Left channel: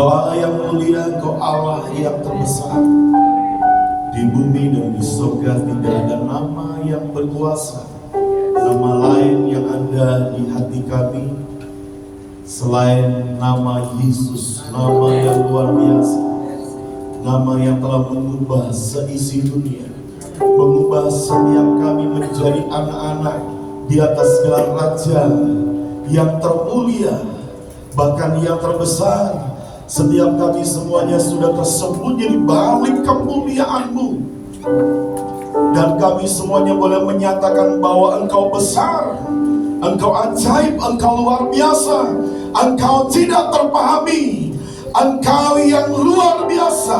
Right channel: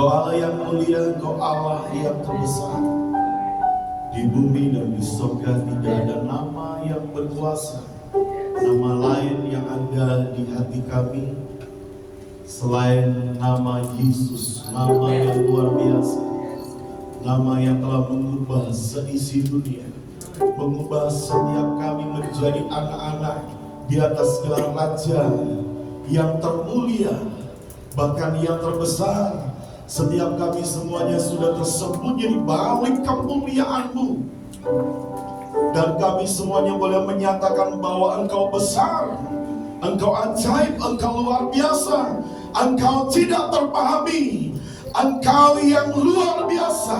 Engkau Allah yang mulia, Engkau Allah yang terbesar. Di bumi dan di surga tidak ada nama yang berkuasa, nama lain yang ada di hati kami selain nama Yesus, nama yang luar biasa, nama yang telah mengubah seisi dunia, mengubah setiap kami menjadi anak-anak di atas segala raja yang termulia, bahkan yang terbesar. Setiap kami semuanya sudah tersembunyi di balik kemuliaan-Mu. Dan kami semuanya boleh menyatakan bahwa Engkau besar, Engkau ajaib, Engkau luar biasa, Engkau tidak terpahami, Engkau yang luar biasa.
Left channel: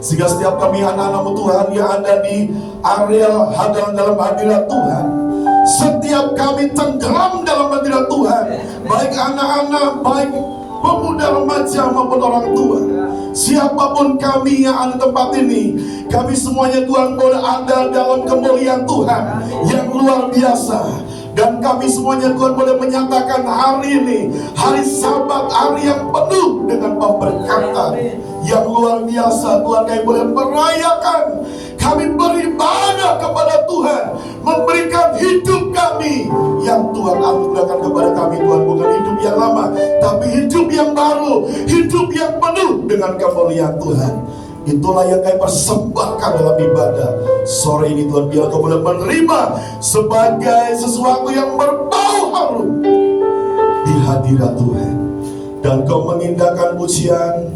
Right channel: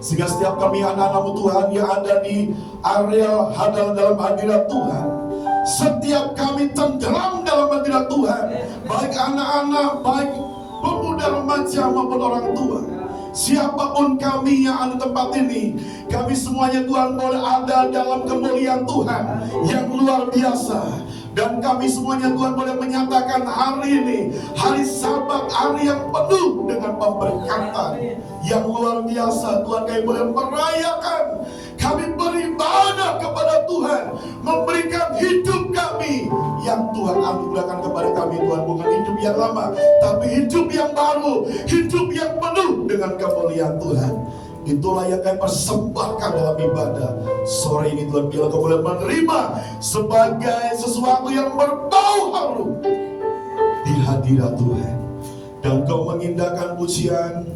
Sehingga setiap kami anak-anak-Mu Tuhan yang ada di area hadapan dalam hadirat Tuhan, setiap kami tenggelam dalam hadirat Tuhan, baik anak-anak, baik pemuda, remaja maupun orang tua, siapapun kami yang ada di tempat ini, kami semuanya Tuhan boleh ada dalam kemuliaan Tuhan yang luar biasa. Dan kami semuanya Tuhan boleh menyatakan hari ini hari Sabat, hari yang penuh dengan pemberkatan yang luar biasa. Tuhan, kami boleh merayakan, kami beribadah kepada Tuhan, memberikan hidup kami yang Tuhan anugerahkan kepada kami. Tuhan, bukan hidup yang lama, tapi hidup yang baru, hidup yang penuh dengan kemuliaan Tuhan. Itulah yang kami persembahkan dalam ibadah sore ini. Tuhan, biar Kau boleh menerima sebagai sesuatu yang berbau harum di hadirat Tuhan. Dan Kau mengindahkan pujian,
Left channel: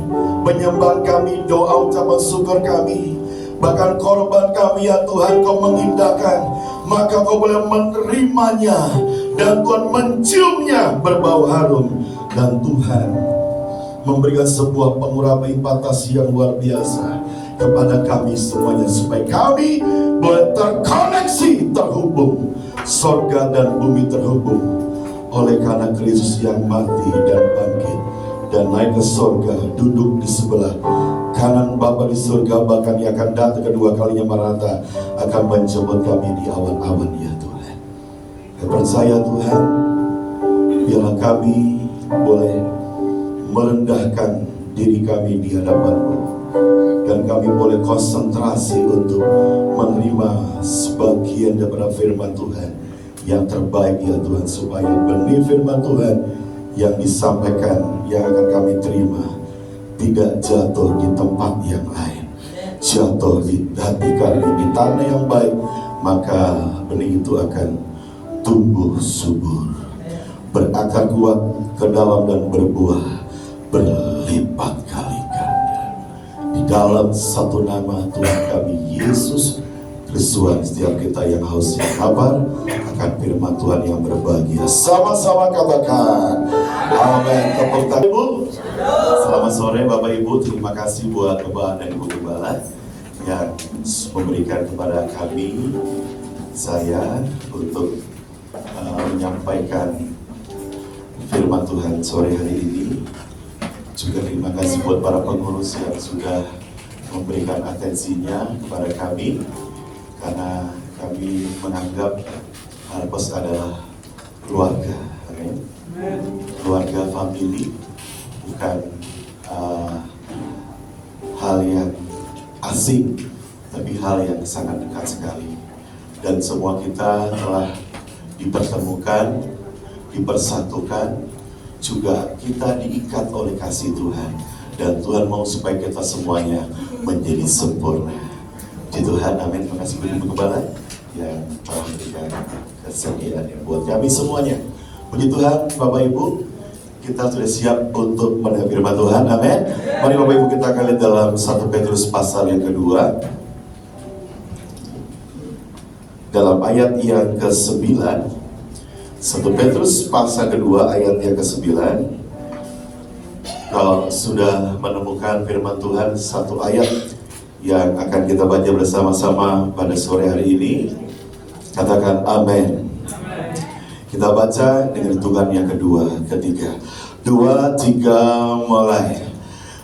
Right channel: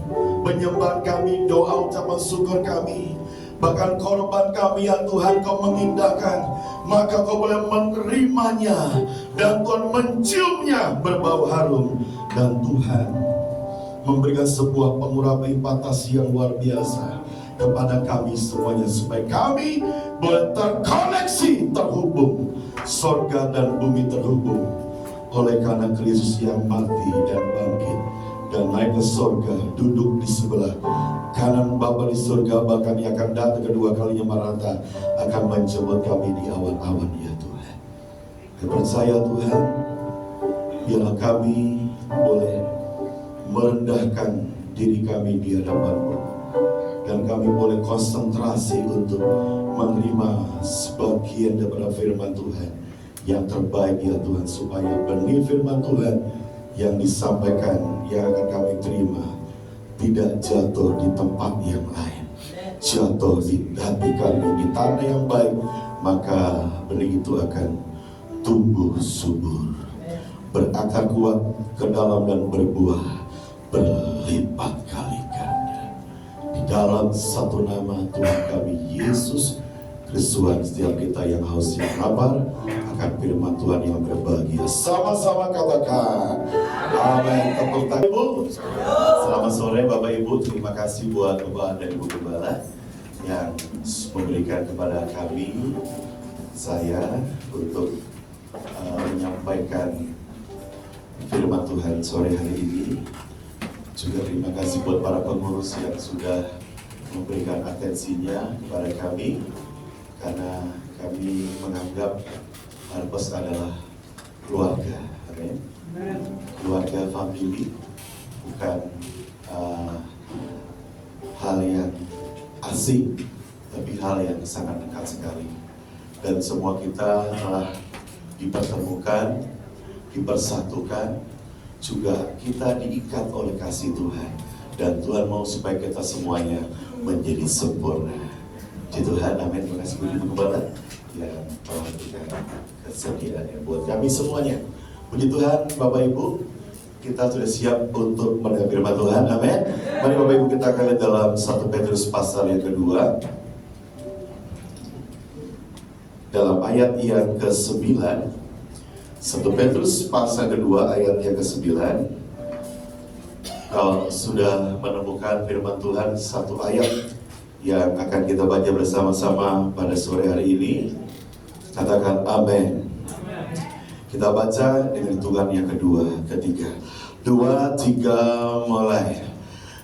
penyembahan kami, doa ucapan syukur kami, bahkan korban kami ya Tuhan, Kau mengindahkan. Maka Kau boleh menerimanya, dan Tuhan menciumnya berbau harum. Dan Tuhan memberikan sebuah pengurapan impatasi yang luar biasa kepada kami semuanya, supaya kami boleh terkoneksi, terhubung, sorga dan bumi terhubung oleh karena Kristus yang mati dan bangkit dan naik ke sorga, duduk di sebelah kanan Bapa di surga. Bahkan Ia akan datang kedua kalinya merata, akan menjemput kami di awan-awan ya Tuhan. Kami percaya Tuhan, biarlah kami boleh merendahkan diri kami di hadapan-Mu, dan kami boleh konsentrasi untuk menerima sebagian daripada firman Tuhan yang terbaik ya Tuhan, supaya benih firman Tuhan yang disampaikan, yang akan kami terima, tidak jatuh di tempat yang lain, jatuh di hati kami, di tanah yang baik, maka benih itu akan tumbuh subur, berakar kuat ke dalam dan berbuah berlipat kali ganda. Di dalam satu nama Tuhan kami Yesus Kristus, setiap kita yang haus yang lapar akan firman Tuhan yang berbahagia, sama-sama katakan amin. Tepuk tangan Ibu. Selamat sore Bapak Ibu. Terima kasih buat Bapak dan Ibu Gembala yang memberikan kepada kami, saya, untuk menyampaikan firman Tuhan sore hari ini. Juga terima kasih buat para pengurus yang sudah memberikan atensinya kepada kami, karena kami menganggap Harpos adalah keluarga, amin. Keluarga, family, bukan hal yang asing, tapi hal yang sangat dekat sekali. Dan semua kita telah dipertemukan, dipersatukan, juga kita diikat oleh kasih Tuhan. Dan Tuhan mau supaya kita semuanya menjadi sempurna. Puji Tuhan, amin. Terima kasih Ibu Gembala yang telah memberikan kesediaan yang buat kami semuanya. Puji Tuhan, Bapak Ibu, kita sudah siap untuk mendengar firman Tuhan, amin. Mari Bapak Ibu kita akan lihat dalam 1 Petrus pasal yang kedua, dalam ayat yang ke-9. 1 Petrus pasal kedua ayat yang ke-9. Kalau sudah menemukan firman Tuhan, satu ayat yang akan kita baca bersama-sama pada sore hari ini, katakan amin. Kita baca dengan hitungan yang kedua, ketiga. 2, 3, mulai.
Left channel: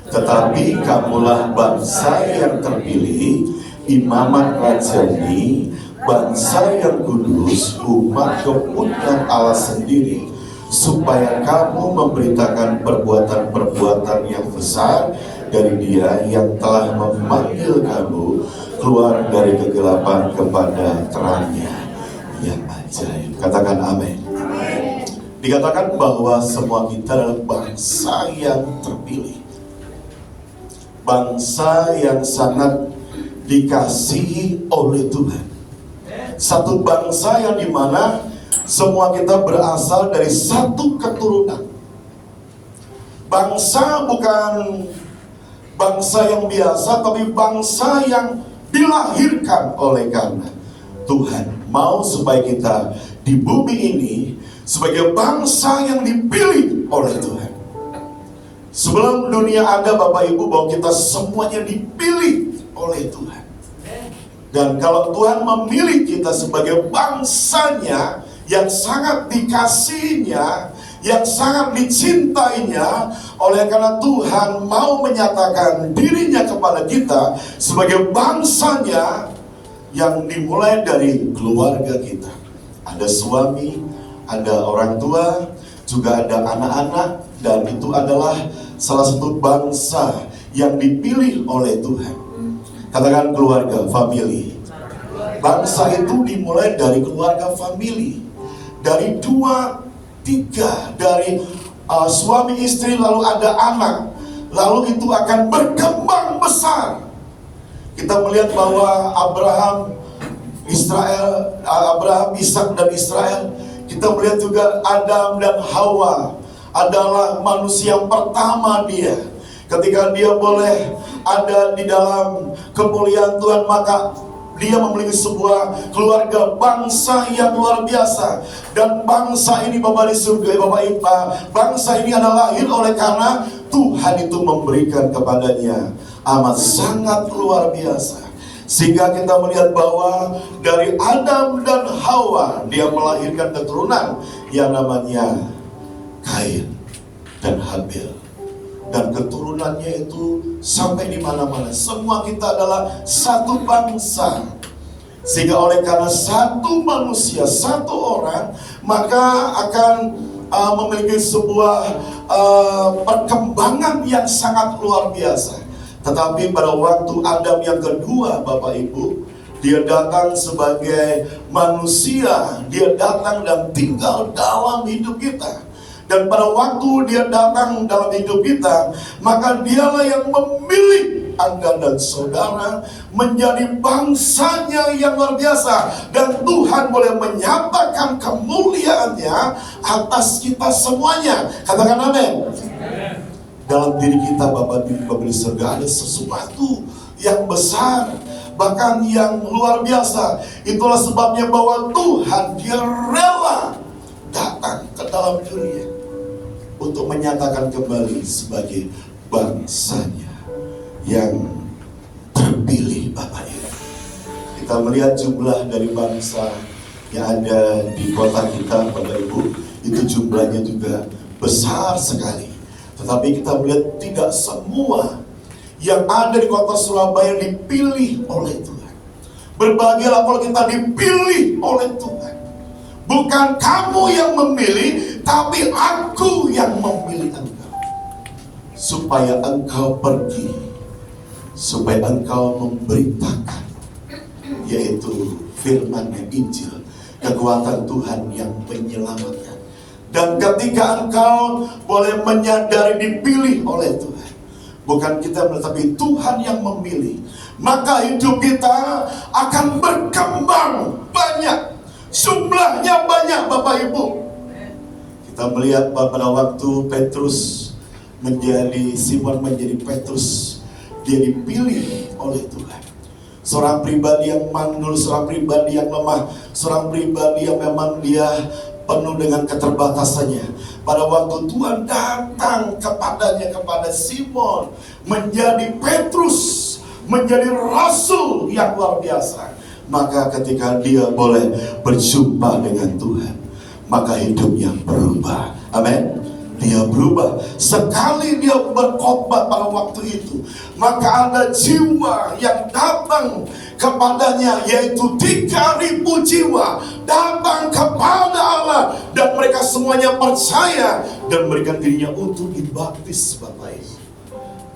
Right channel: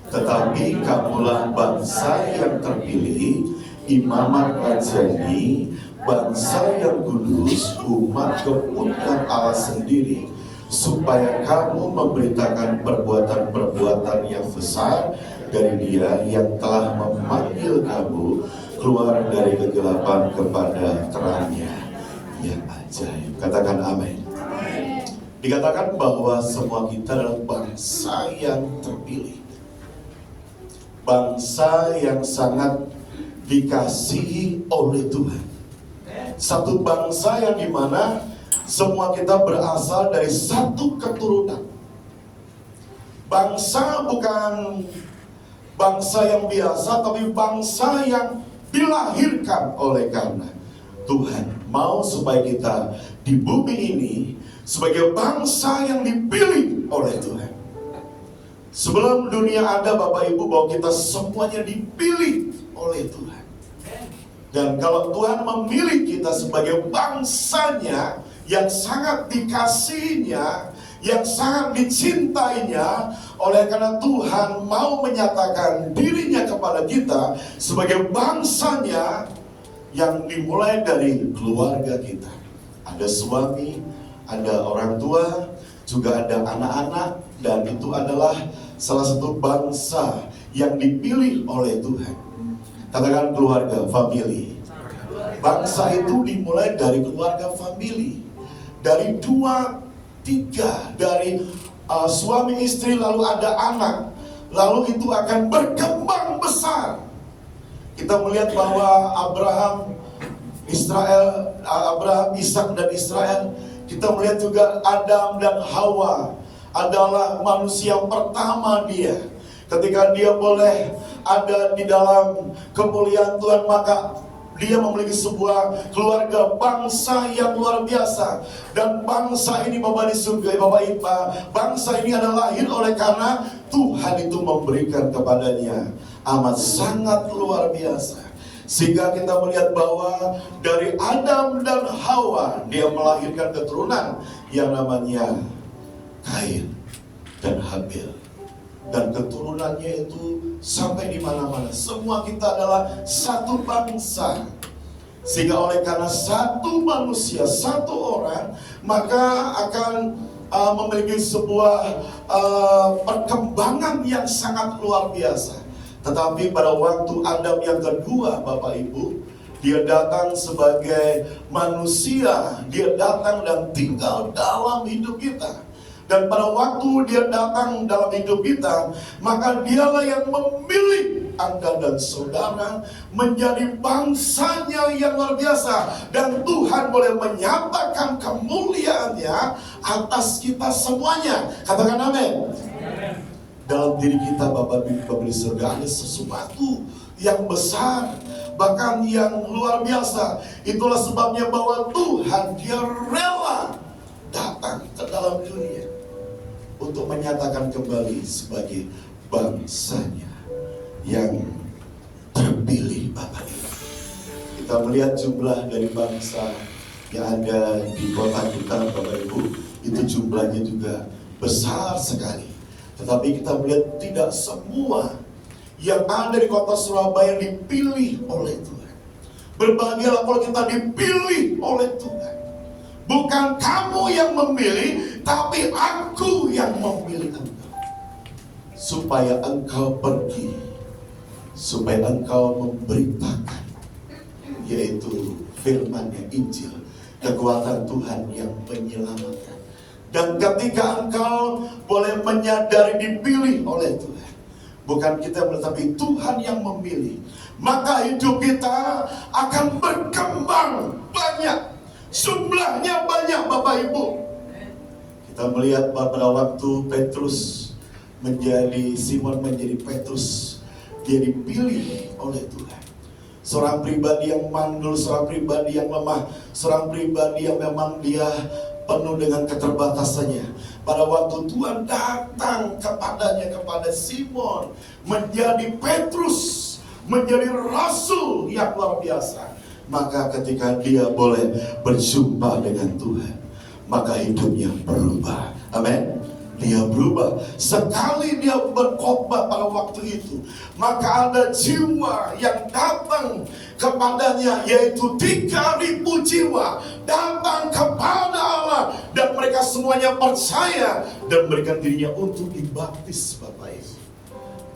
Tetapi kamulah bangsa yang terpilih, imamat rajani, bangsa yang kudus, umat kepunyaan Allah sendiri, supaya kamu memberitakan perbuatan-perbuatan yang besar dari Dia yang telah memanggil kamu keluar dari kegelapan kepada terangnya yang ajaib. Katakan amin. Dikatakan bahwa semua kita adalah bangsa yang terpilih, bangsa yang sangat dikasihi oleh Tuhan. Satu bangsa yang dimana semua kita berasal dari satu keturunan. Bangsa bukan bangsa yang biasa, tapi bangsa yang dilahirkan oleh karena Tuhan mau supaya kita di bumi ini sebagai bangsa yang dipilih oleh Tuhan. Sebelum dunia ada, Bapak Ibu, bahwa kita semuanya dipilih oleh Tuhan. Dan kalau Tuhan memilih kita sebagai bangsanya yang sangat dikasihinya, yang sangat dicintainya, oleh karena Tuhan mau menyatakan dirinya kepada kita sebagai bangsanya yang dimulai dari keluarga kita. Ada suami, ada orang tua, juga ada anak-anak, dan itu adalah salah satu bangsa yang dipilih oleh Tuhan. Katakan keluarga, family. Bangsa itu dimulai dari keluarga family, dari 2, 3, dari suami istri, lalu ada anak, lalu itu akan berkembang besar. Kita melihat bahwa Abraham, Ishak dan Israel. Kita melihat juga Adam dan Hawa adalah manusia yang pertama dia. Ketika dia boleh ada di dalam kemuliaan Tuhan, maka dia memiliki sebuah keluarga bangsa yang luar biasa. Dan bangsa ini, Bapak di surga, Bapak Ibu, bangsa ini adalah lahir oleh karena Tuhan itu memberikan kepadanya amat sangat luar biasa. Sehingga kita melihat bahwa dari Adam dan Hawa dia melahirkan keturunan yang namanya Kain dan Habil. Dan keturunannya itu sampai di mana-mana. Semua kita adalah satu bangsa. Sehingga oleh karena satu manusia, satu orang, maka akan memiliki sebuah perkembangan yang sangat luar biasa. Tetapi pada waktu Adam yang kedua, Bapak Ibu, dia datang sebagai manusia, dia datang dan tinggal dalam hidup kita. Dan pada waktu dia datang dalam hidup kita, maka dialah yang memilih Anda dan saudara menjadi bangsanya yang luar biasa. Dan Tuhan boleh menyatakan kemuliaannya atas kita semuanya. Katakan amin. Dalam diri kita, Bapak Ibu di surga, ada sesuatu yang besar, bahkan yang luar biasa. Itulah sebabnya bahwa Tuhan dia rela datang ke dalam dunia untuk menyatakan kembali sebagai bangsanya yang terpilih, Bapak Ibu. Kita melihat jumlah dari bangsa yang ada di kota kita, Bapak Ibu, itu jumlahnya juga besar sekali. Tetapi kita melihat tidak semua yang ada di kota Surabaya dipilih oleh Tuhan. Berbahagialah kalau kita dipilih oleh Tuhan. Bukan kamu yang memilih, tapi aku yang memilih engkau. Supaya engkau pergi, supaya engkau memberitakan, yaitu firman Injil, kekuatan Tuhan yang menyelamatkan. Dan ketika engkau boleh menyadari dipilih oleh Tuhan, bukan kita, tetapi Tuhan yang memilih, maka hidup kita akan berkembang banyak, jumlahnya banyak, Bapak Ibu. Kita melihat pada waktu Simon menjadi Petrus, dia dipilih oleh Tuhan. Seorang pribadi yang mandul, seorang pribadi yang lemah, seorang pribadi yang memang dia penuh dengan keterbatasannya. Pada waktu Tuhan datang kepadanya, kepada Simon, menjadi Petrus, menjadi rasul yang luar biasa, maka ketika dia boleh berjumpa dengan Tuhan, maka hidupnya berubah. Amin. Dia berubah. Sekali dia berkhotbah pada waktu itu, maka ada jiwa yang datang kepadanya, yaitu 3.000 jiwa datang kepada Allah, dan mereka semuanya percaya dan memberikan dirinya untuk dibaptis, Bapak Ibu.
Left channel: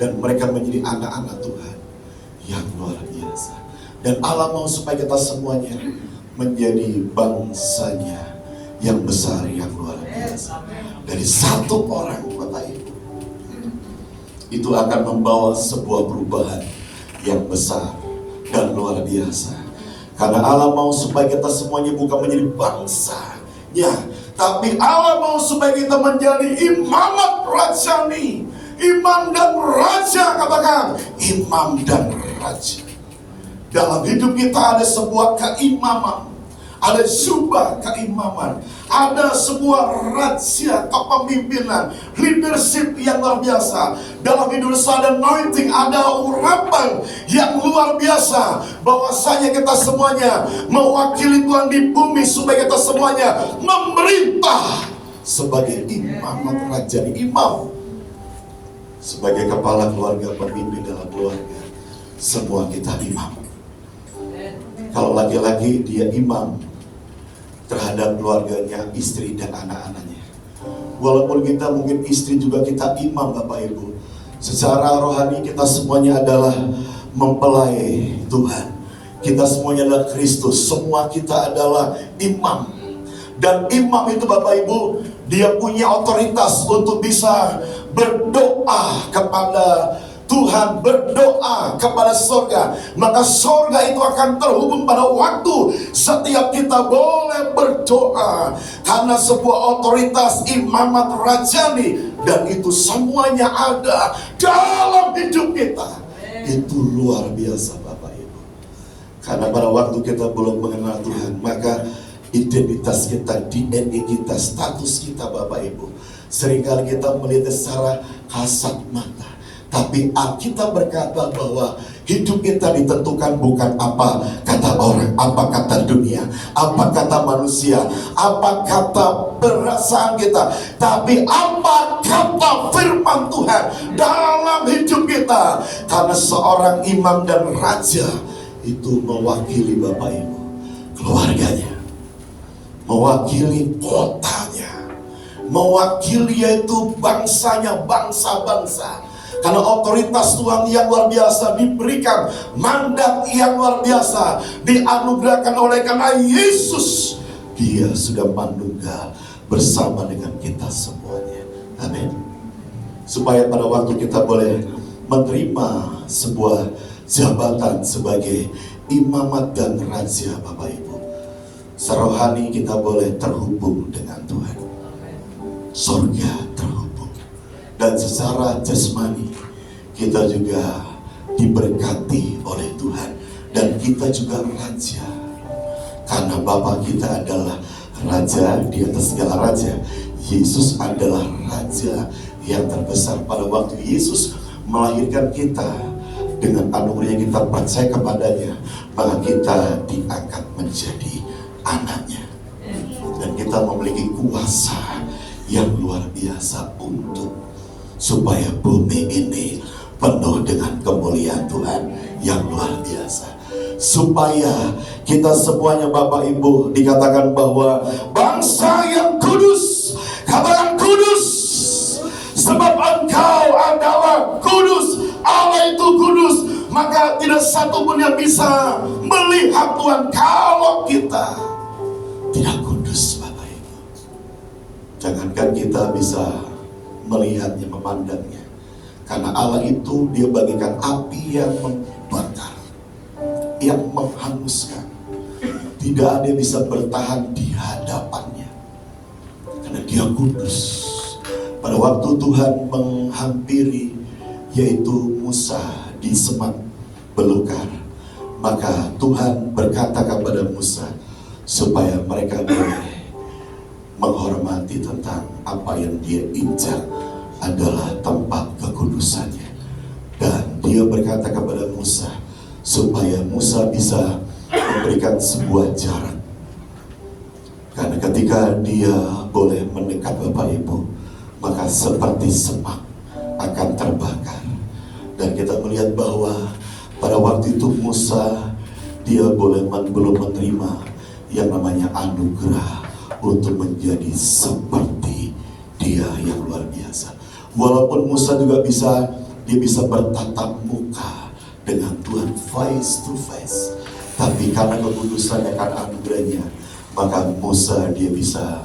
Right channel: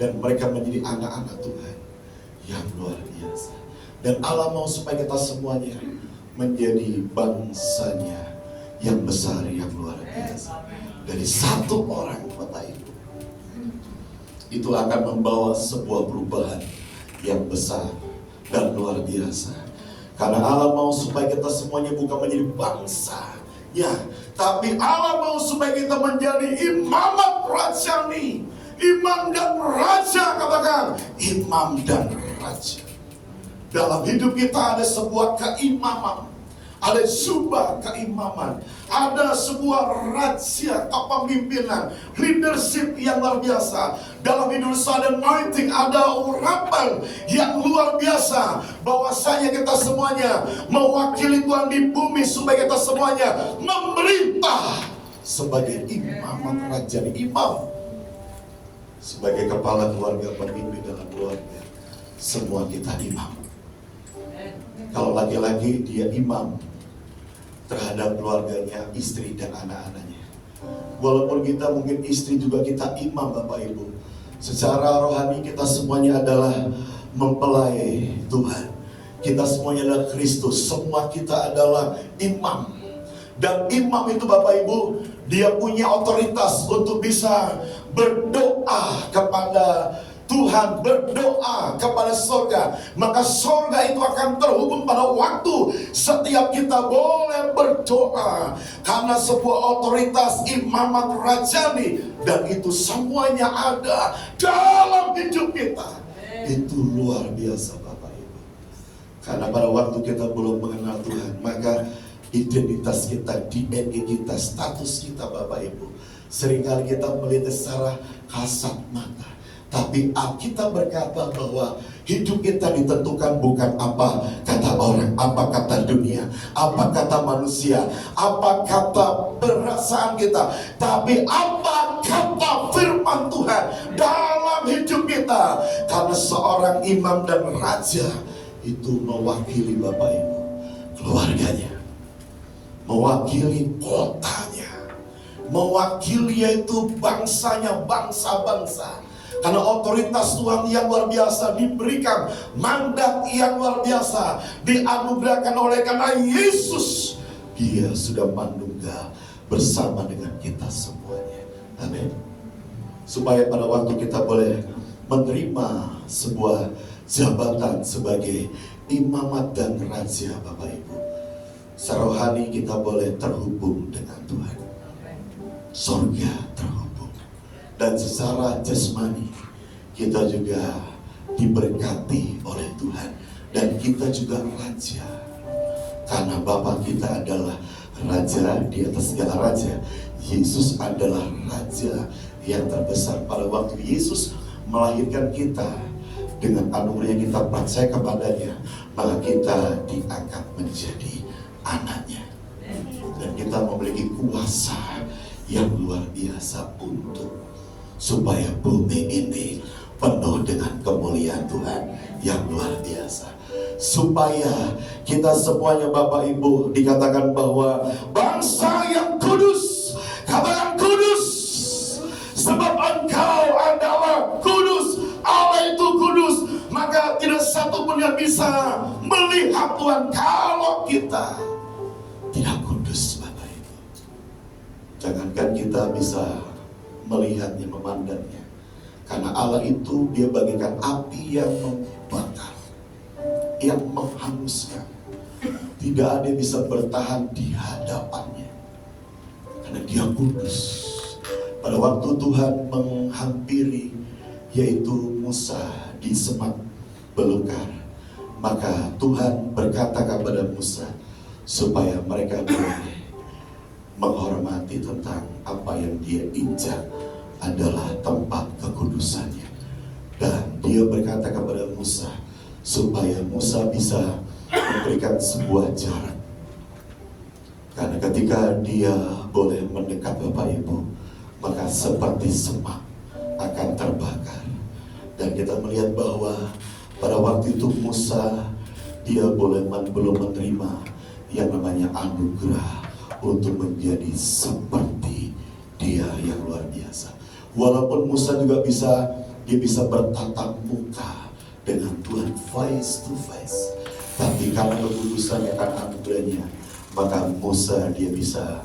Dan mereka menjadi anak-anak Tuhan yang luar biasa. Dan Allah mau supaya kita semuanya menjadi bangsanya yang besar, yang luar biasa. Dari satu orang, Bapak Ibu, itu akan membawa sebuah perubahan yang besar dan luar biasa. Karena Allah mau supaya kita semuanya bukan menjadi bangsanya, tapi Allah mau supaya kita menjadi imamat rajani. Imam dan raja, katakan imam dan raja. Dalam hidup kita ada sebuah keimaman, ada sebuah keimaman, ada sebuah raja kepemimpinan, leadership yang luar biasa. Dalam hidup ada anointing, ada urapan yang luar biasa, bahwasanya kita semuanya mewakili Tuhan di bumi, supaya kita semuanya memerintah sebagai imam raja, imam sebagai kepala keluarga, pemimpin dalam keluarga. Semua kita imam. Kalau laki-laki, dia imam terhadap keluarganya, istri dan anak-anaknya. Walaupun kita mungkin istri juga kita imam, Bapak Ibu. Secara rohani kita semuanya adalah mempelai Tuhan. Kita semuanya adalah Kristus. Semua kita adalah imam. Dan imam itu, Bapak Ibu, dia punya otoritas untuk bisa berdoa kepada Tuhan, berdoa kepada surga. Maka surga itu akan terhubung pada waktu setiap kita boleh berdoa, karena sebuah otoritas imamat rajani, dan itu semuanya ada dalam hidup kita. Itu luar biasa, Bapak Ibu. Karena pada waktu kita belum mengenal Tuhan, maka identitas kita, DNA kita, status kita, Bapak Ibu, seringkali kita melihat secara kasat mata. Tapi Alkitab berkata bahwa hidup kita ditentukan bukan apa kata orang, apa kata dunia, apa kata manusia, apa kata perasaan kita, tapi apa kata firman Tuhan dalam hidup kita. Karena seorang imam dan raja itu mewakili, Bapak Ibu, keluarganya, mewakili kotanya, mewakili yaitu bangsanya, bangsa-bangsa. Karena otoritas Tuhan yang luar biasa diberikan, mandat yang luar biasa dianugerahkan oleh karena Yesus. Dia sudah manunggal bersama dengan kita semuanya. Amin. Supaya pada waktu kita boleh menerima sebuah jabatan sebagai imamat dan raja, Bapak Ibu, serohani kita boleh terhubung dengan Tuhan. Surga terhubung. Dan secara jasmani kita juga diberkati oleh Tuhan. Dan kita juga raja, karena Bapa kita adalah raja di atas segala raja. Yesus adalah raja yang terbesar. Pada waktu Yesus melahirkan kita, dengan anugerah yang kita percaya kepadanya, maka kita diangkat menjadi anaknya. Dan kita memiliki kuasa yang luar biasa untuk supaya bumi ini penuh dengan kemuliaan Tuhan yang luar biasa. Supaya kita semuanya, Bapak Ibu, dikatakan bahwa bangsa yang kudus, katakan kudus, sebab engkau adalah kudus, Allah itu kudus. Maka tidak satu pun yang bisa melihat Tuhan kalau kita tidak kudus, Bapak Ibu. Jangankan kita bisa melihatnya, memandangnya, karena Allah itu dia bagikan api yang membakar, yang menghanguskan. Tidak ada yang bisa bertahan di hadapannya, karena dia kudus. Pada waktu Tuhan menghampiri yaitu Musa di semak belukar, maka Tuhan berkata kepada Musa supaya mereka boleh menghormati tentang apa yang dia injak adalah tempat kekudusannya. Dan dia berkata kepada Musa supaya Musa bisa memberikan sebuah jarak. Karena ketika dia boleh mendekat, Bapak Ibu, maka seperti semak akan terbakar. Dan kita melihat bahwa pada waktu itu Musa dia belum menerima yang namanya anugerah untuk menjadi seperti dia yang luar biasa. Walaupun Musa juga bisa bertatap muka dengan Tuhan face to face, tapi karena kekudusannya, karena anugerahnya, maka Musa dia bisa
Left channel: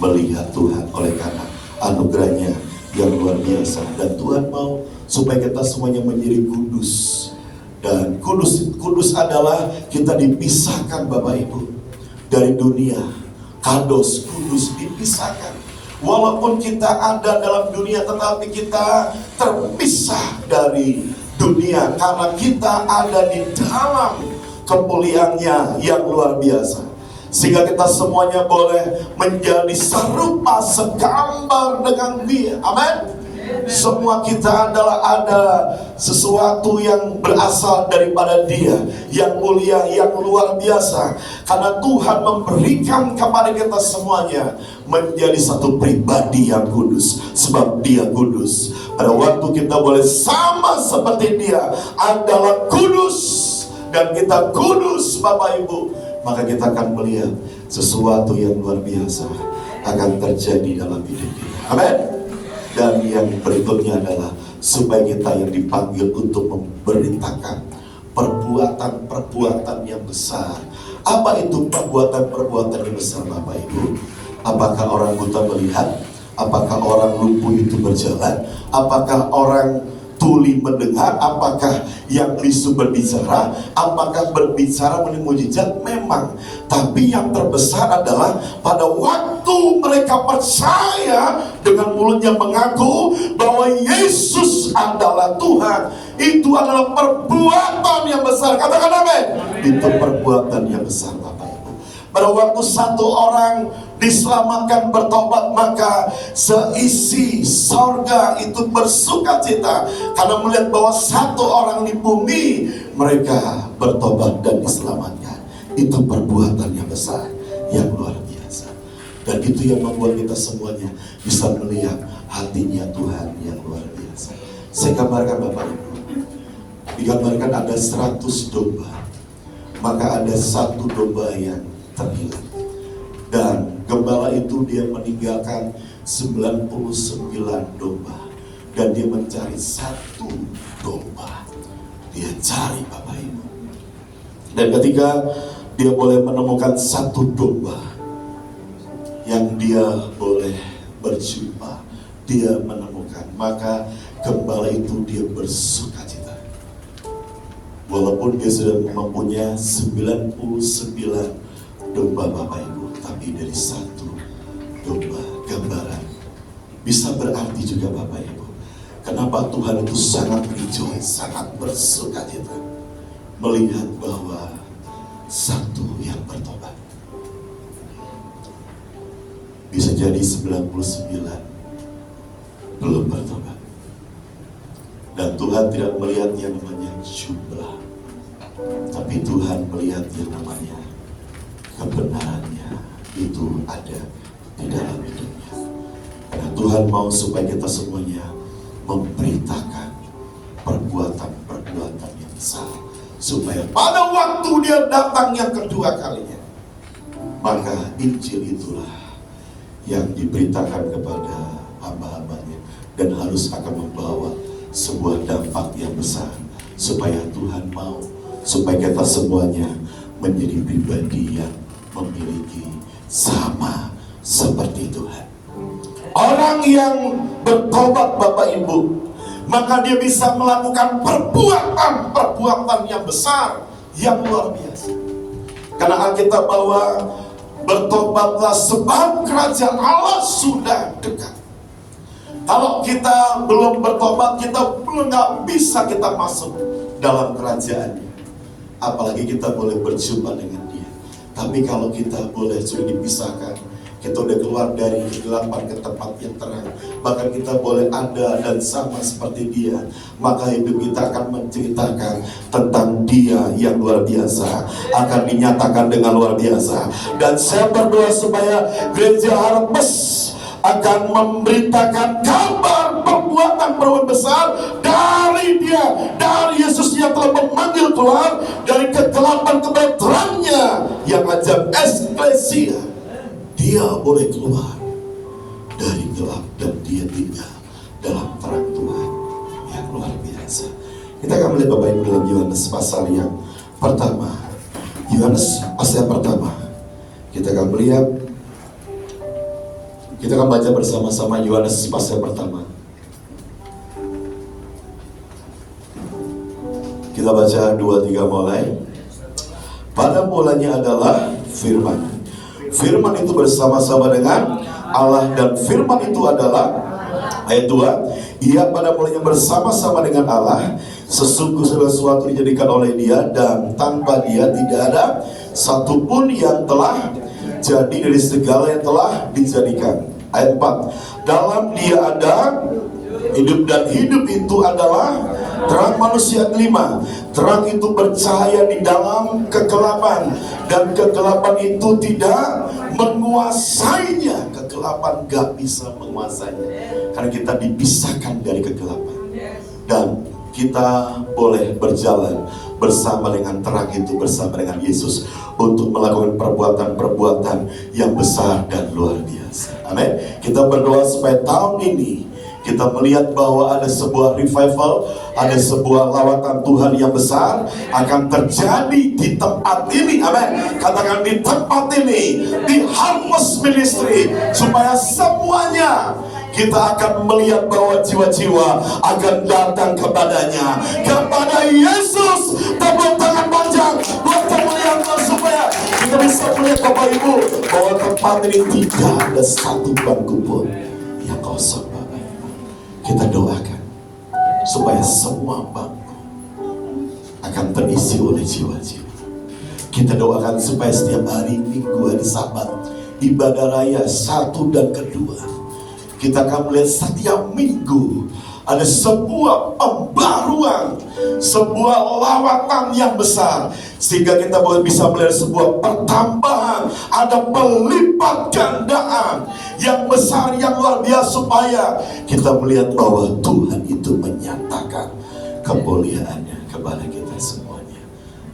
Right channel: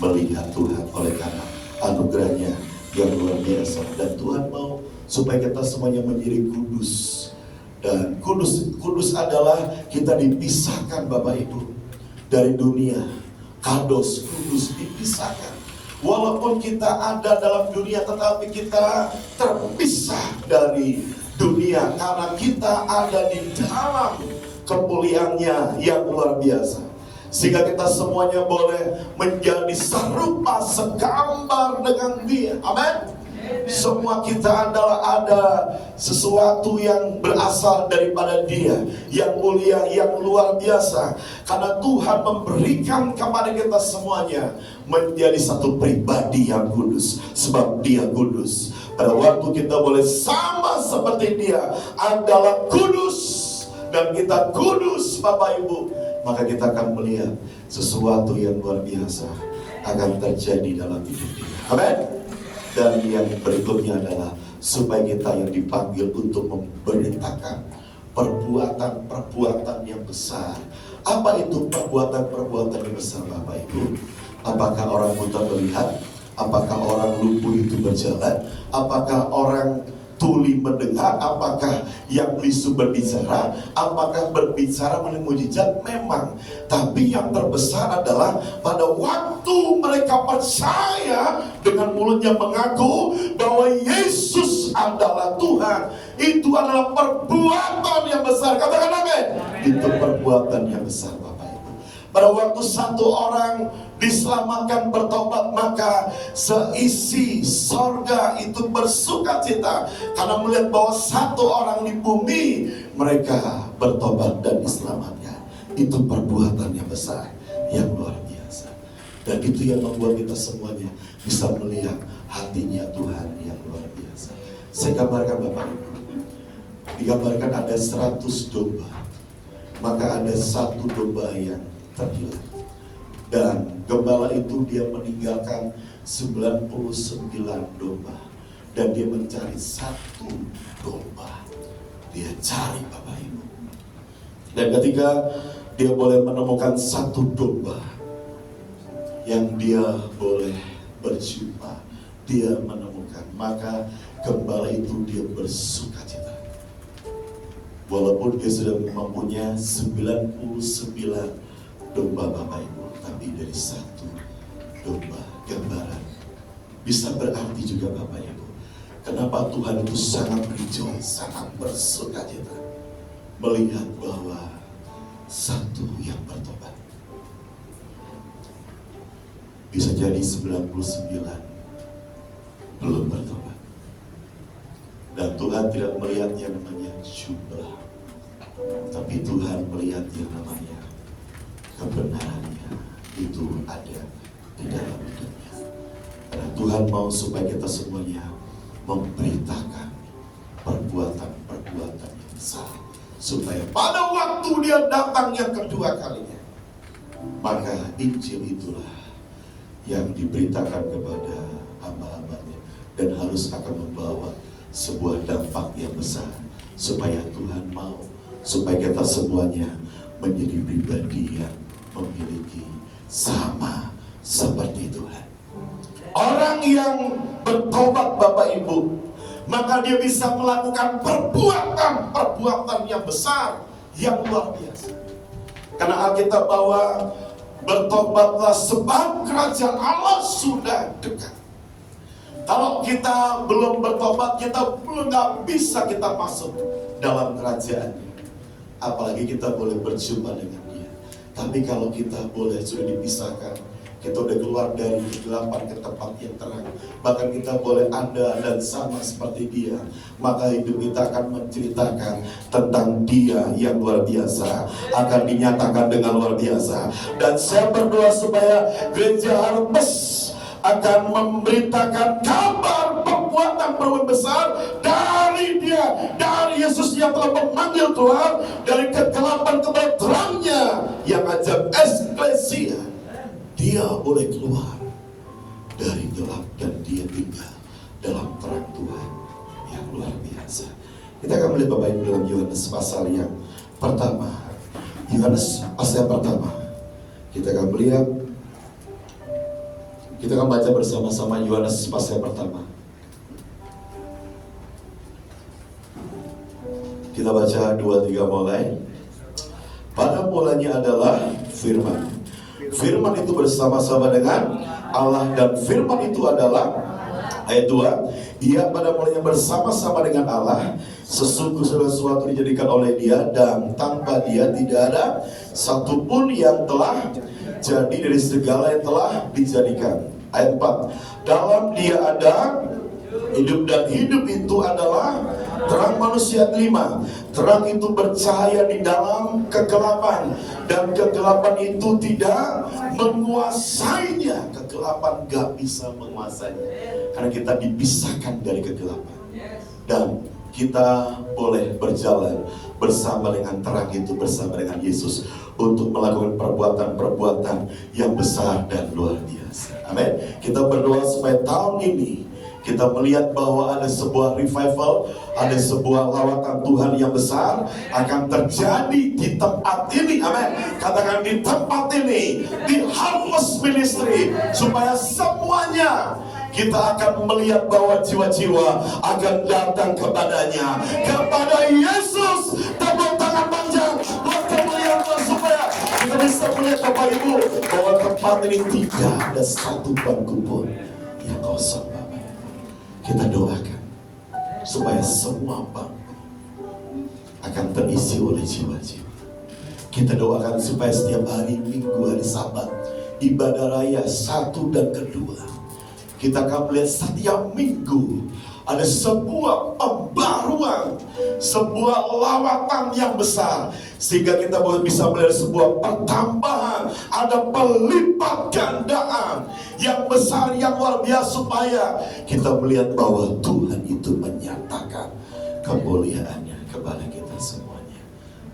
melihat Tuhan oleh karena anugerahnya yang luar biasa. Dan Tuhan mau supaya kita semuanya menjadi kudus. Dan kudus adalah kita dipisahkan Bapak Ibu dari dunia. Kados, kudus, dipisahkan. Walaupun kita ada dalam dunia, tetapi kita terpisah dari dunia karena kita ada di dalam kemuliaannya yang luar biasa. Sehingga kita semuanya boleh menjadi serupa, segambar dengan Dia. Amin. Semua kita ada sesuatu yang berasal daripada Dia, yang mulia, yang luar biasa. Karena Tuhan memberikan kepada kita semuanya menjadi satu pribadi yang kudus, sebab Dia kudus. Pada waktu kita boleh sama seperti Dia adalah kudus, dan kita kudus Bapak Ibu, maka kita akan melihat sesuatu yang luar biasa akan terjadi dalam hidup kita. Amin. Dan yang berikutnya adalah supaya kita yang dipanggil untuk memberitakan perbuatan-perbuatan yang besar. Apa itu perbuatan-perbuatan yang besar Bapak Ibu? Apakah orang buta melihat? Apakah orang lumpuh itu berjalan? Apakah orang tuli mendengar? Apakah yang bisu berbicara? Apakah berbicara menemui mujizat? Memang. Tapi yang terbesar adalah pada waktu mereka percaya dengan mulutnya mengaku bahwa Yesus adalah Tuhan. Itu adalah perbuatan yang besar. Katakan amin. Itu perbuatan yang besar Bapak Ibu. Pada waktu satu orang diselamatkan, bertobat, maka seisi sorga itu bersukacita karena melihat bahwa satu orang di bumi mereka bertobat dan diselamatkan. Itu perbuatan yang besar, yang luar biasa. Dan itu yang membuat kita semuanya bisa melihat hatinya Tuhan yang luar biasa. Saya gambarkan Bapak Ibu, digambarkan ada 100 domba, maka ada satu domba yang terhilang. Dan gembala itu dia meninggalkan 99 domba, dan dia mencari satu domba. Dia cari Bapak Ibu. Dan ketika dia boleh menemukan satu domba yang dia boleh berjumpa, dia menemukan, maka gembala itu dia bersukacita. Walaupun dia sudah mempunyai 99 domba Bapak Ibu, tapi dari satu domba gambaran bisa berarti juga Bapak Ibu. Kenapa Tuhan itu sangat rejoice, sangat bersukacita melihat bahwa satu yang bertobat. Bisa jadi 99 belum bertobat. Dan Tuhan tidak melihat yang namanya jumlah, tapi Tuhan melihat yang namanya kebenarannya itu ada di dalam hidupnya. Karena Tuhan mau supaya kita semuanya memberitakan perbuatan-perbuatan yang besar, supaya pada waktu dia datang yang kedua kalinya, maka Injil itulah yang diberitakan kepada hamba-hambanya dan harus akan membawa sebuah dampak yang besar, supaya Tuhan mau supaya kita semuanya menjadi pribadi yang memiliki sama seperti Tuhan. Orang yang bertobat Bapak Ibu, maka dia bisa melakukan perbuatan yang besar, yang luar biasa. Karena Alkitab bahwa bertobatlah sebab kerajaan Allah sudah dekat. Kalau kita belum bertobat, kita nggak bisa kita masuk dalam kerajaannya. Apalagi kita boleh berjumpa dengan Dia. Tapi kalau kita boleh sudah dipisahkan, kita udah keluar dari kegelapan ke tempat yang terang, bahkan kita boleh ada dan sama seperti Dia, maka hidup kita akan menceritakan tentang Dia yang luar biasa, akan dinyatakan dengan luar biasa. Dan saya berdoa supaya Gereja Harvest akan memberitakan kabar perbuatan besar dari Dia dia dari Yesus yang telah memanggil keluar dari kegelapan kepada terangnya yang ajar eklesia. Dia boleh keluar dari gelap dan dia tinggal dalam terang Tuhan yang luar biasa. Kita akan melihat Bapak Ibu dalam Yohanes pasal yang pertama. Yohanes pasal yang pertama. Kita akan melihat, kita akan baca bersama-sama Yohanes pasal yang pertama. Kita baca 2-3 mulai. Pada mulanya adalah firman. Firman itu bersama-sama dengan Allah dan firman itu adalah, ayat 2, ia pada mulanya bersama-sama dengan Allah. Sesungguh segala sesuatu dijadikan oleh dia dan tanpa dia tidak ada satupun yang telah jadi dari segala yang telah dijadikan. Ayat 4, dalam dia ada hidup dan hidup itu adalah terang manusia. 5, terang itu bercahaya di dalam kegelapan dan kegelapan itu tidak menguasainya. Kegelapan gak bisa menguasainya karena kita dipisahkan dari kegelapan dan kita boleh berjalan bersama dengan terang itu, bersama dengan Yesus untuk melakukan perbuatan-perbuatan yang besar dan luar biasa. Amin. Kita berdoa supaya tahun ini kita melihat bahwa ada sebuah revival, ada sebuah lawatan Tuhan yang besar akan terjadi di tempat ini. Amin. Katakan di tempat ini, di Harvest Ministry, supaya semuanya kita akan melihat bahwa jiwa-jiwa akan datang kepadanya, kepada Yesus. Tepuk tangan panjang buat teman yang supaya kita bisa melihat Bapak Ibu bahwa tempat ini tidak ada satu bangku pun yang kosong. Bapak Ibu, kita doakan supaya semua bangku akan terisi oleh jiwa-jiwa. Kita doakan supaya setiap hari Minggu, hari Sabat, ibadah raya 1 dan 2, kita akan melihat setiap minggu ada sebuah pembaruan, sebuah lawatan yang besar, sehingga kita bisa melihat sebuah pertambahan, ada pelipat gandaan yang besar, yang luar biasa, supaya kita melihat bahwa Tuhan itu menyatakan kemuliaannya kepada kita semuanya.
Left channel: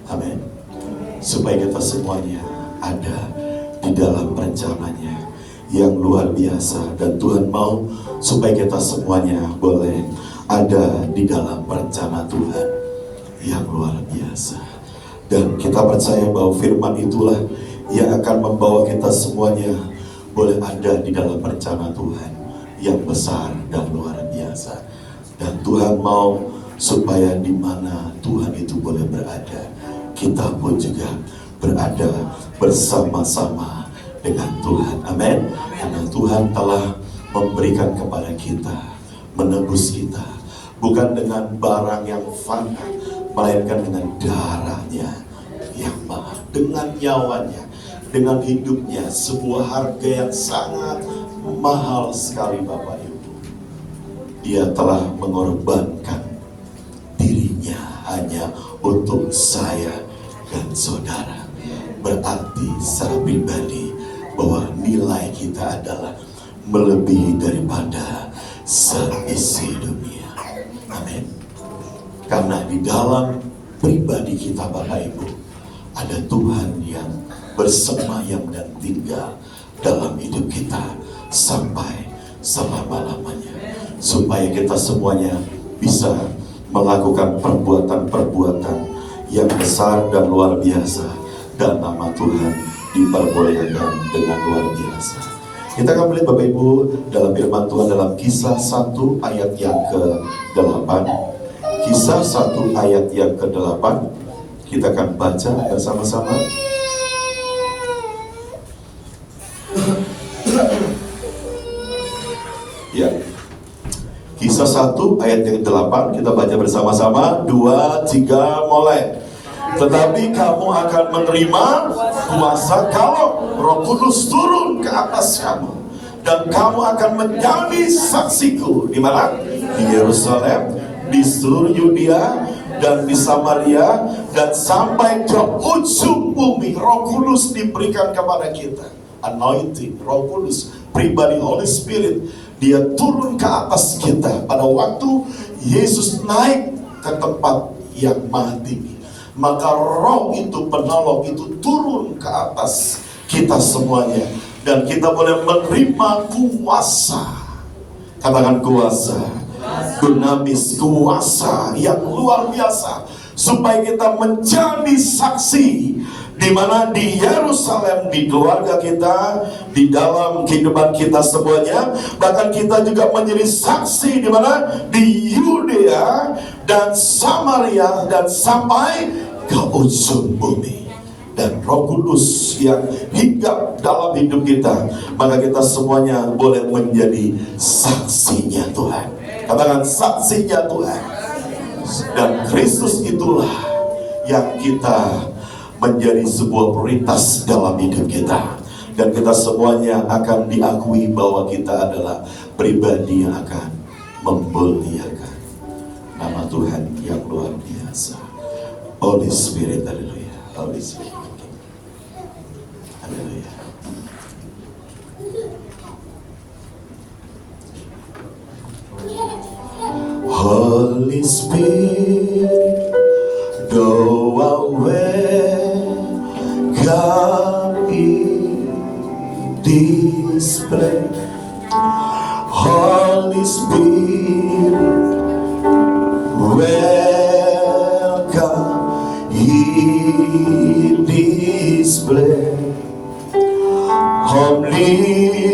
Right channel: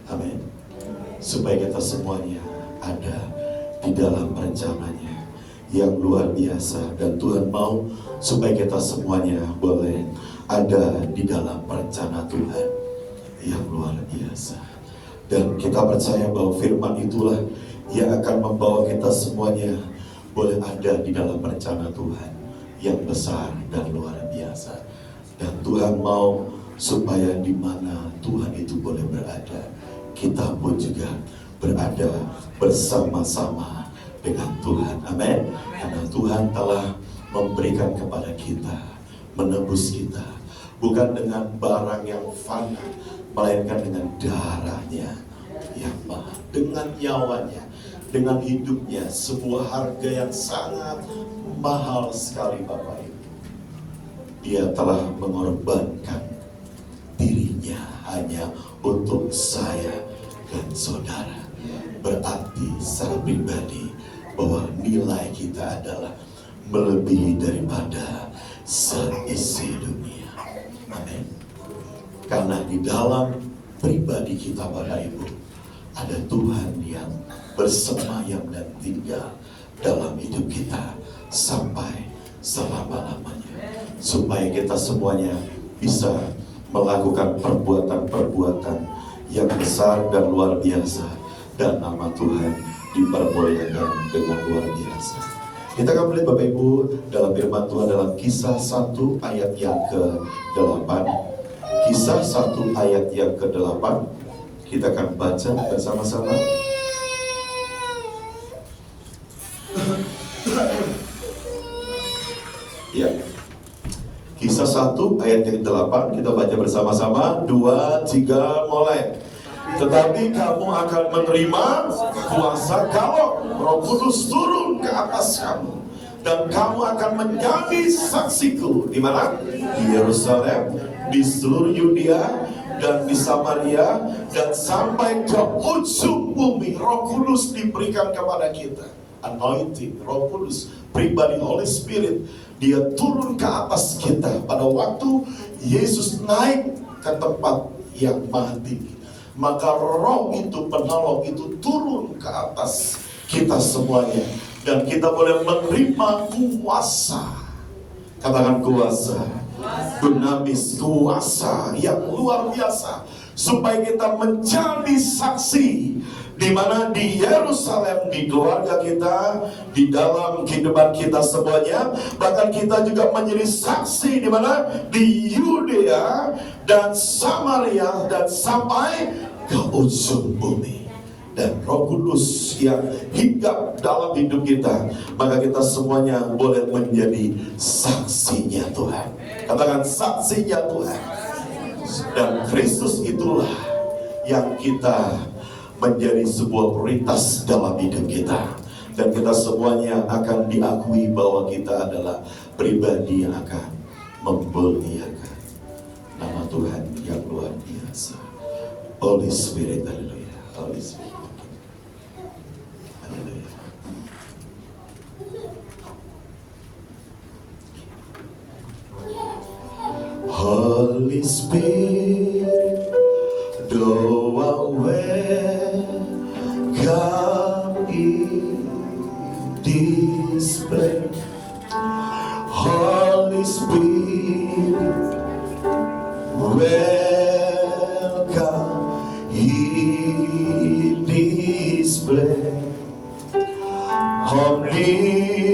Amin. Supaya kita semuanya ada di dalam rencananya yang luar biasa, dan Tuhan mau supaya kita semuanya boleh ada di dalam rencana Tuhan yang luar biasa. Dan kita percaya bahwa firman itulah yang akan membawa kita semuanya boleh ada di dalam rencana Tuhan yang besar dan luar biasa. Dan Tuhan mau supaya di mana Tuhan itu boleh berada, kita pun juga berada bersama-sama dengan Tuhan. Amin. Karena Tuhan telah memberikan kepada kita, menebus kita, bukan dengan barang yang fana, melainkan dengan darahnya yang mahal, dengan nyawanya, dengan hidupnya, sebuah harga yang sangat mahal sekali Bapak Ibu. Dia telah mengorbankan dirinya hanya untuk saya dan saudara. Berarti secara pribadi bahwa nilai kita adalah melebihi daripada seisi dunia. Amin. Karena di dalam pribadi kita Bapak Ibu ada Tuhan yang bersemayam dan tinggal dalam hidup kita sampai selama-lamanya, supaya kita semuanya bisa melakukan perbuatan-perbuatan yang besar dan luar biasa, dan nama Tuhan diperbolehkan dengan luar biasa. Kita akan melihat Bapak Ibu dalam firman Tuhan dalam Kisah 1 ayat yang ke-8. Kisah 1 ayat yang ke-8. Kita akan baca bersama-sama. Ya. Kisah 1 ayat yang ke-8, kita baca bersama-sama. 2, 3, mulai. Tetapi kamu akan menerima kuasa kalau Roh Kudus turun ke atas kamu, dan kamu akan menjadi saksiku di mana? Di Yerusalem, di seluruh Yudea dan di Samaria, dan sampai ke ujung bumi. Roh Kudus diberikan kepada kita. Anointing, Roh Kudus, pribadi Holy Spirit, dia turun ke atas kita pada waktu Yesus naik ke tempat yang mati. Maka roh itu, penolong itu turun ke atas kita semuanya. Dan kita boleh menerima kuasa. Katakan kuasa. Dunamis, kuasa yang luar biasa. Supaya kita menjadi saksi. Di mana di Yerusalem, di keluarga kita, di dalam kehidupan kita semuanya, bahkan kita juga menjadi saksi di mana di Yudea dan Samaria dan sampai ke ujung bumi. Dan Roh Kudus yang hinggap dalam hidup kita, maka kita semuanya boleh menjadi saksinya Tuhan. Katakan saksinya Tuhan. Dan Kristus itulah yang kita menjadi sebuah prioritas dalam hidup kita. Dan kita semuanya akan diakui bahwa kita adalah pribadi yang akan memuliakan nama Tuhan yang luar biasa. Holy Spirit, haleluya. Holy Spirit, haleluya. Holy Spirit, thou art welcome in this place. Holy Spirit, welcome in this place.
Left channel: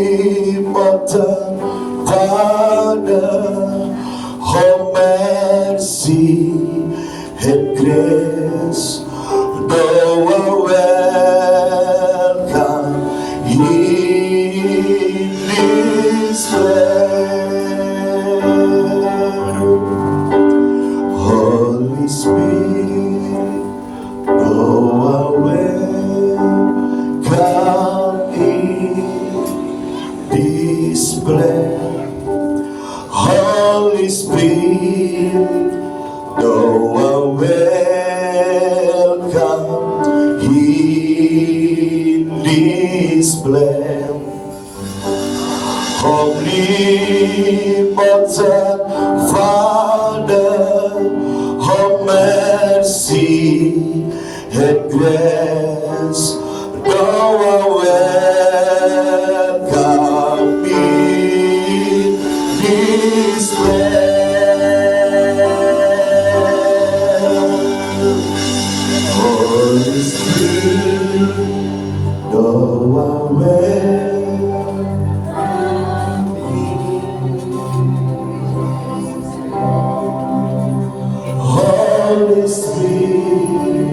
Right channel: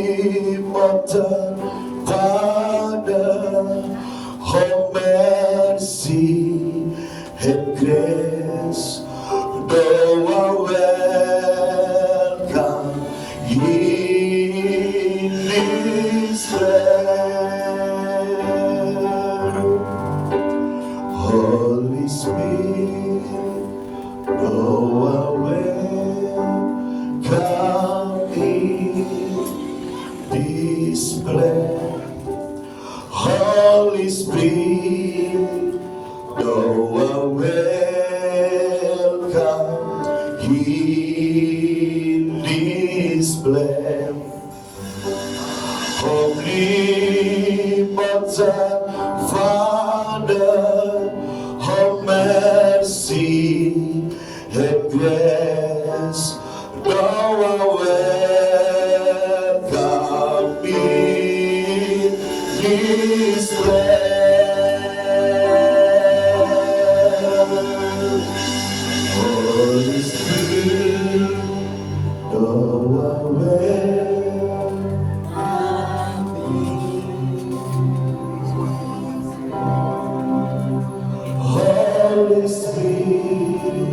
Omnipotent Father, oh mercy and grace, thou art welcome in this place. Holy Spirit, thou art welcome in this place. Holy Spirit, thou art welcome in this place. Omnipotent Father, oh mercy and grace, thou art welcome in this place. Holy Spirit, thou art Holy Spirit,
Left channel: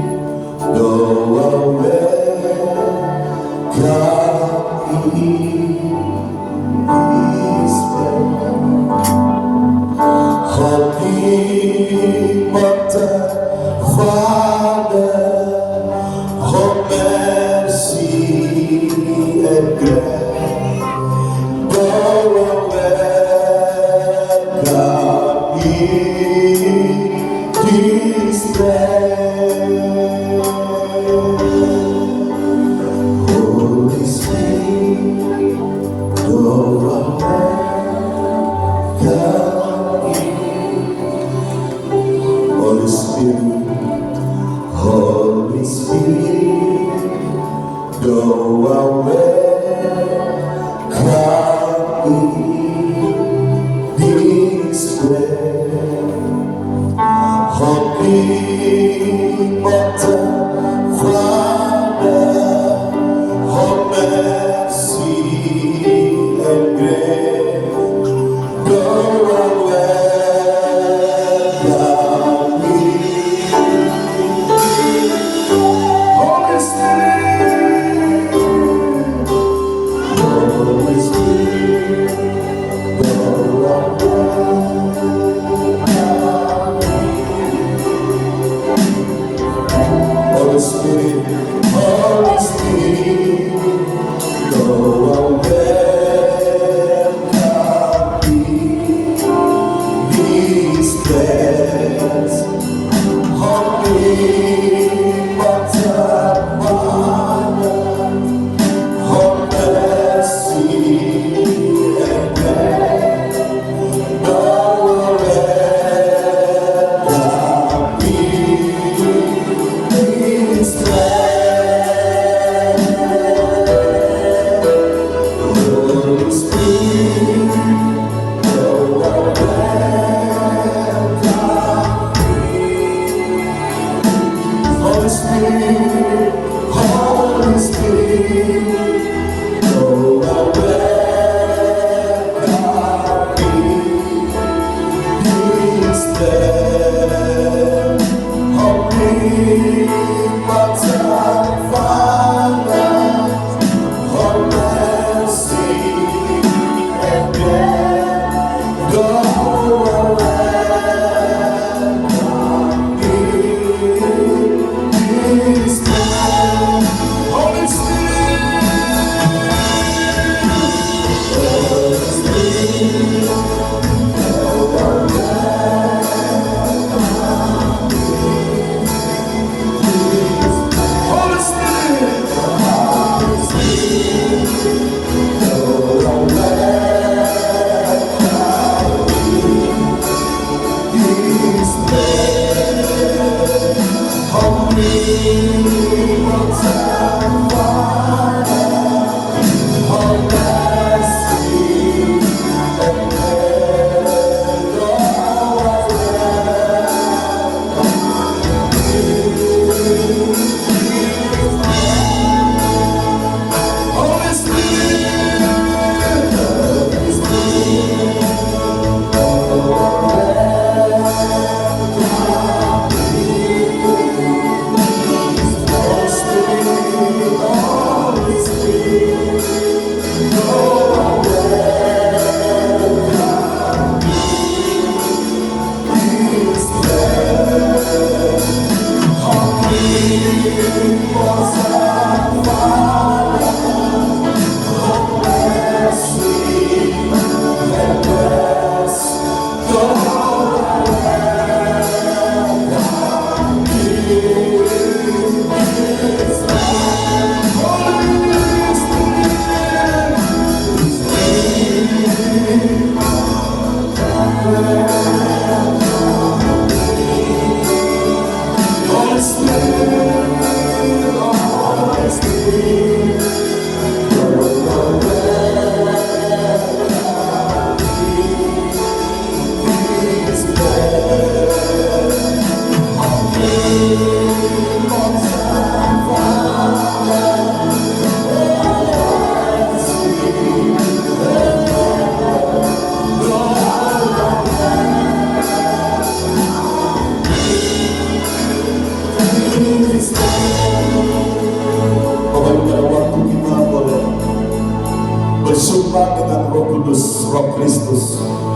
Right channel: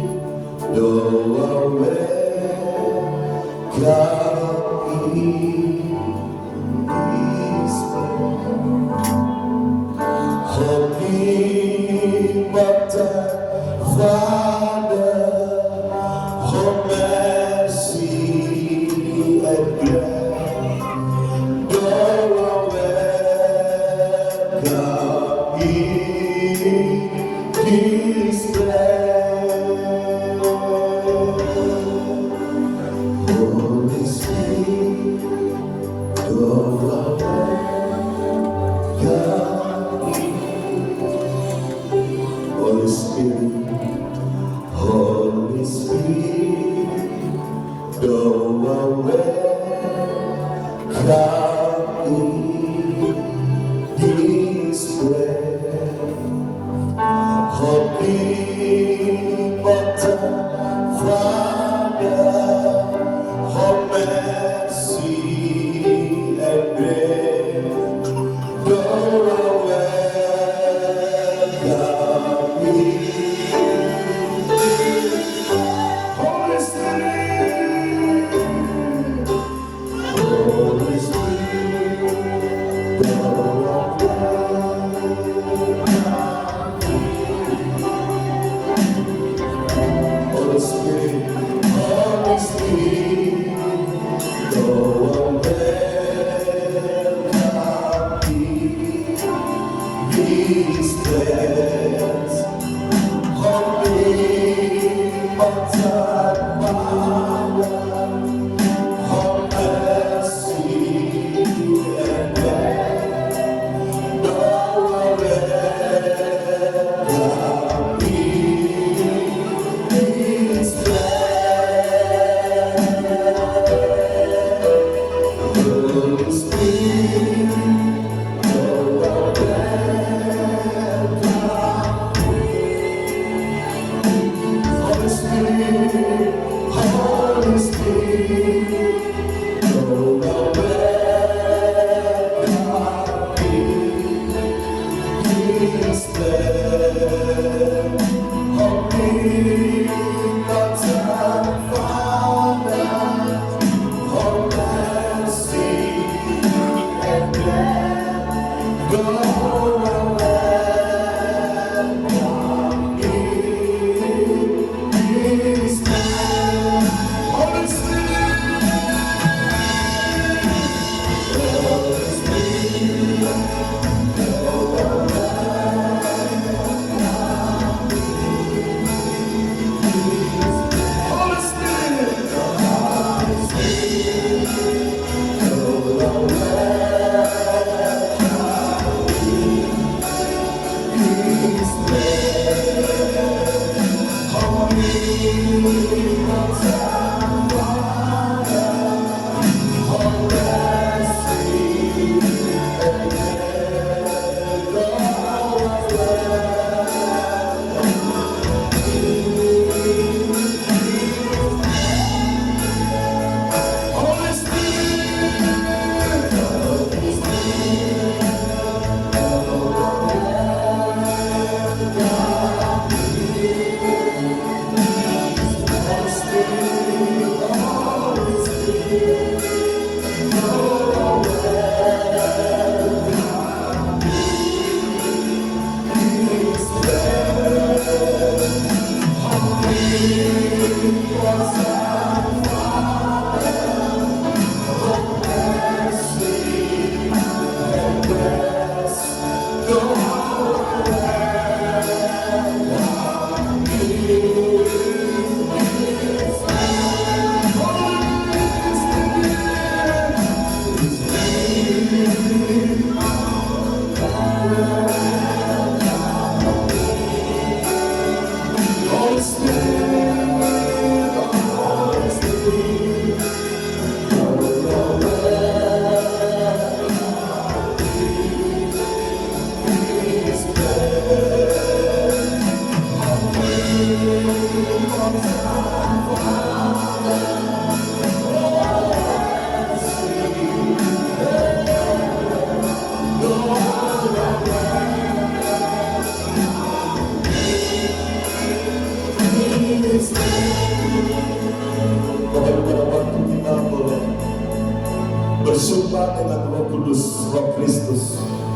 thou art welcome in this place. Omnipotent Father, oh mercy and grace, thou art welcome in this place. Holy Spirit, thou art welcome in. Holy Spirit, Holy Spirit, thou art welcome in this place. Omnipotent Father, oh mercy and grace, thou art welcome in. Holy Spirit, Holy Spirit, thou art welcome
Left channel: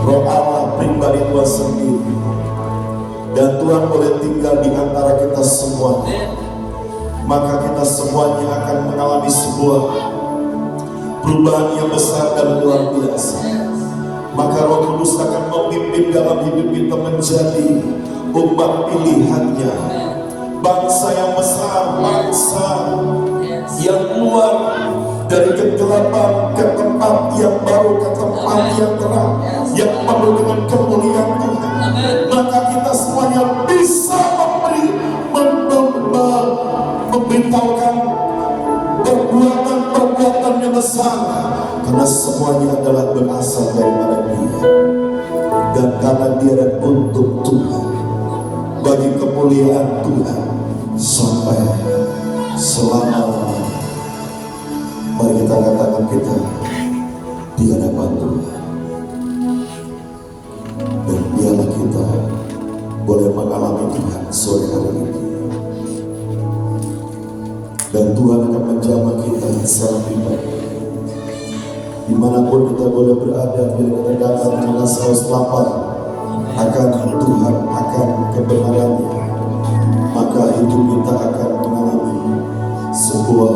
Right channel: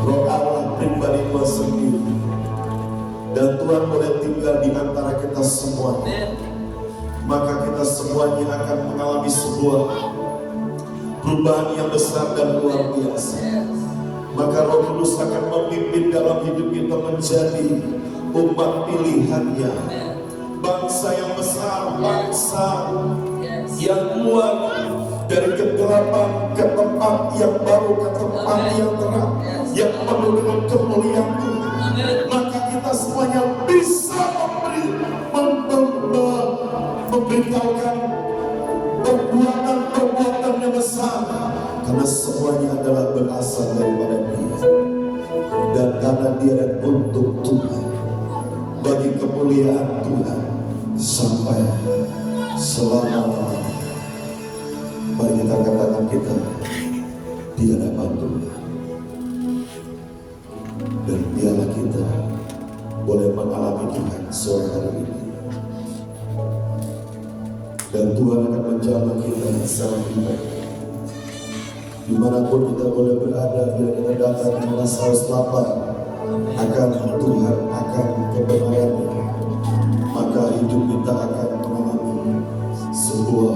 Roh Allah pribadi Tuhan sendiri, dan Tuhan boleh tinggal di antara kita semua, maka kita semuanya akan mengalami sebuah perubahan yang besar dan luar biasa. Maka Roh Kudus akan memimpin dalam hidup kita menjadi umat pilihannya, bangsa yang besar, bangsa yang keluar dari kegelapan ke tempat yang baru, ke tempat yang terang, yang penuh dengan kemuliaan Tuhan. Maka kita semuanya bisa memberitahukan perbuatan-perbuatan yang besar, karena semuanya adalah berasal daripada Dia, dan karena Dia dan untuk Tuhan, bagi kemuliaan Tuhan sampai selama-lamanya. Mari kita katakan kita di hadapan Tuhan, dan biarlah kita boleh mengalami Tuhan sore hari ini, dan Tuhan akan menjamah kita secara pribadi. Dimanapun kita boleh berada, biar kita datang dengan saus lapar akan Tuhan, akan kebenarannya, maka hidup kita akan mengalami sebuah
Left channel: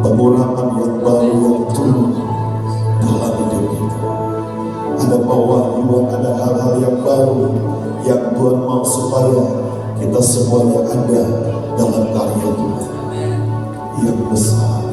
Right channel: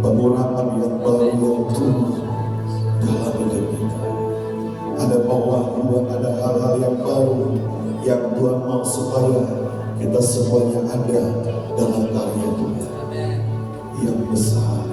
pengurapan yang baru yang turun dalam hidup kita. Ada pewahyuan, ada hal-hal yang baru yang Tuhan mau supaya kita semuanya ada dalam karya Tuhan yang besar.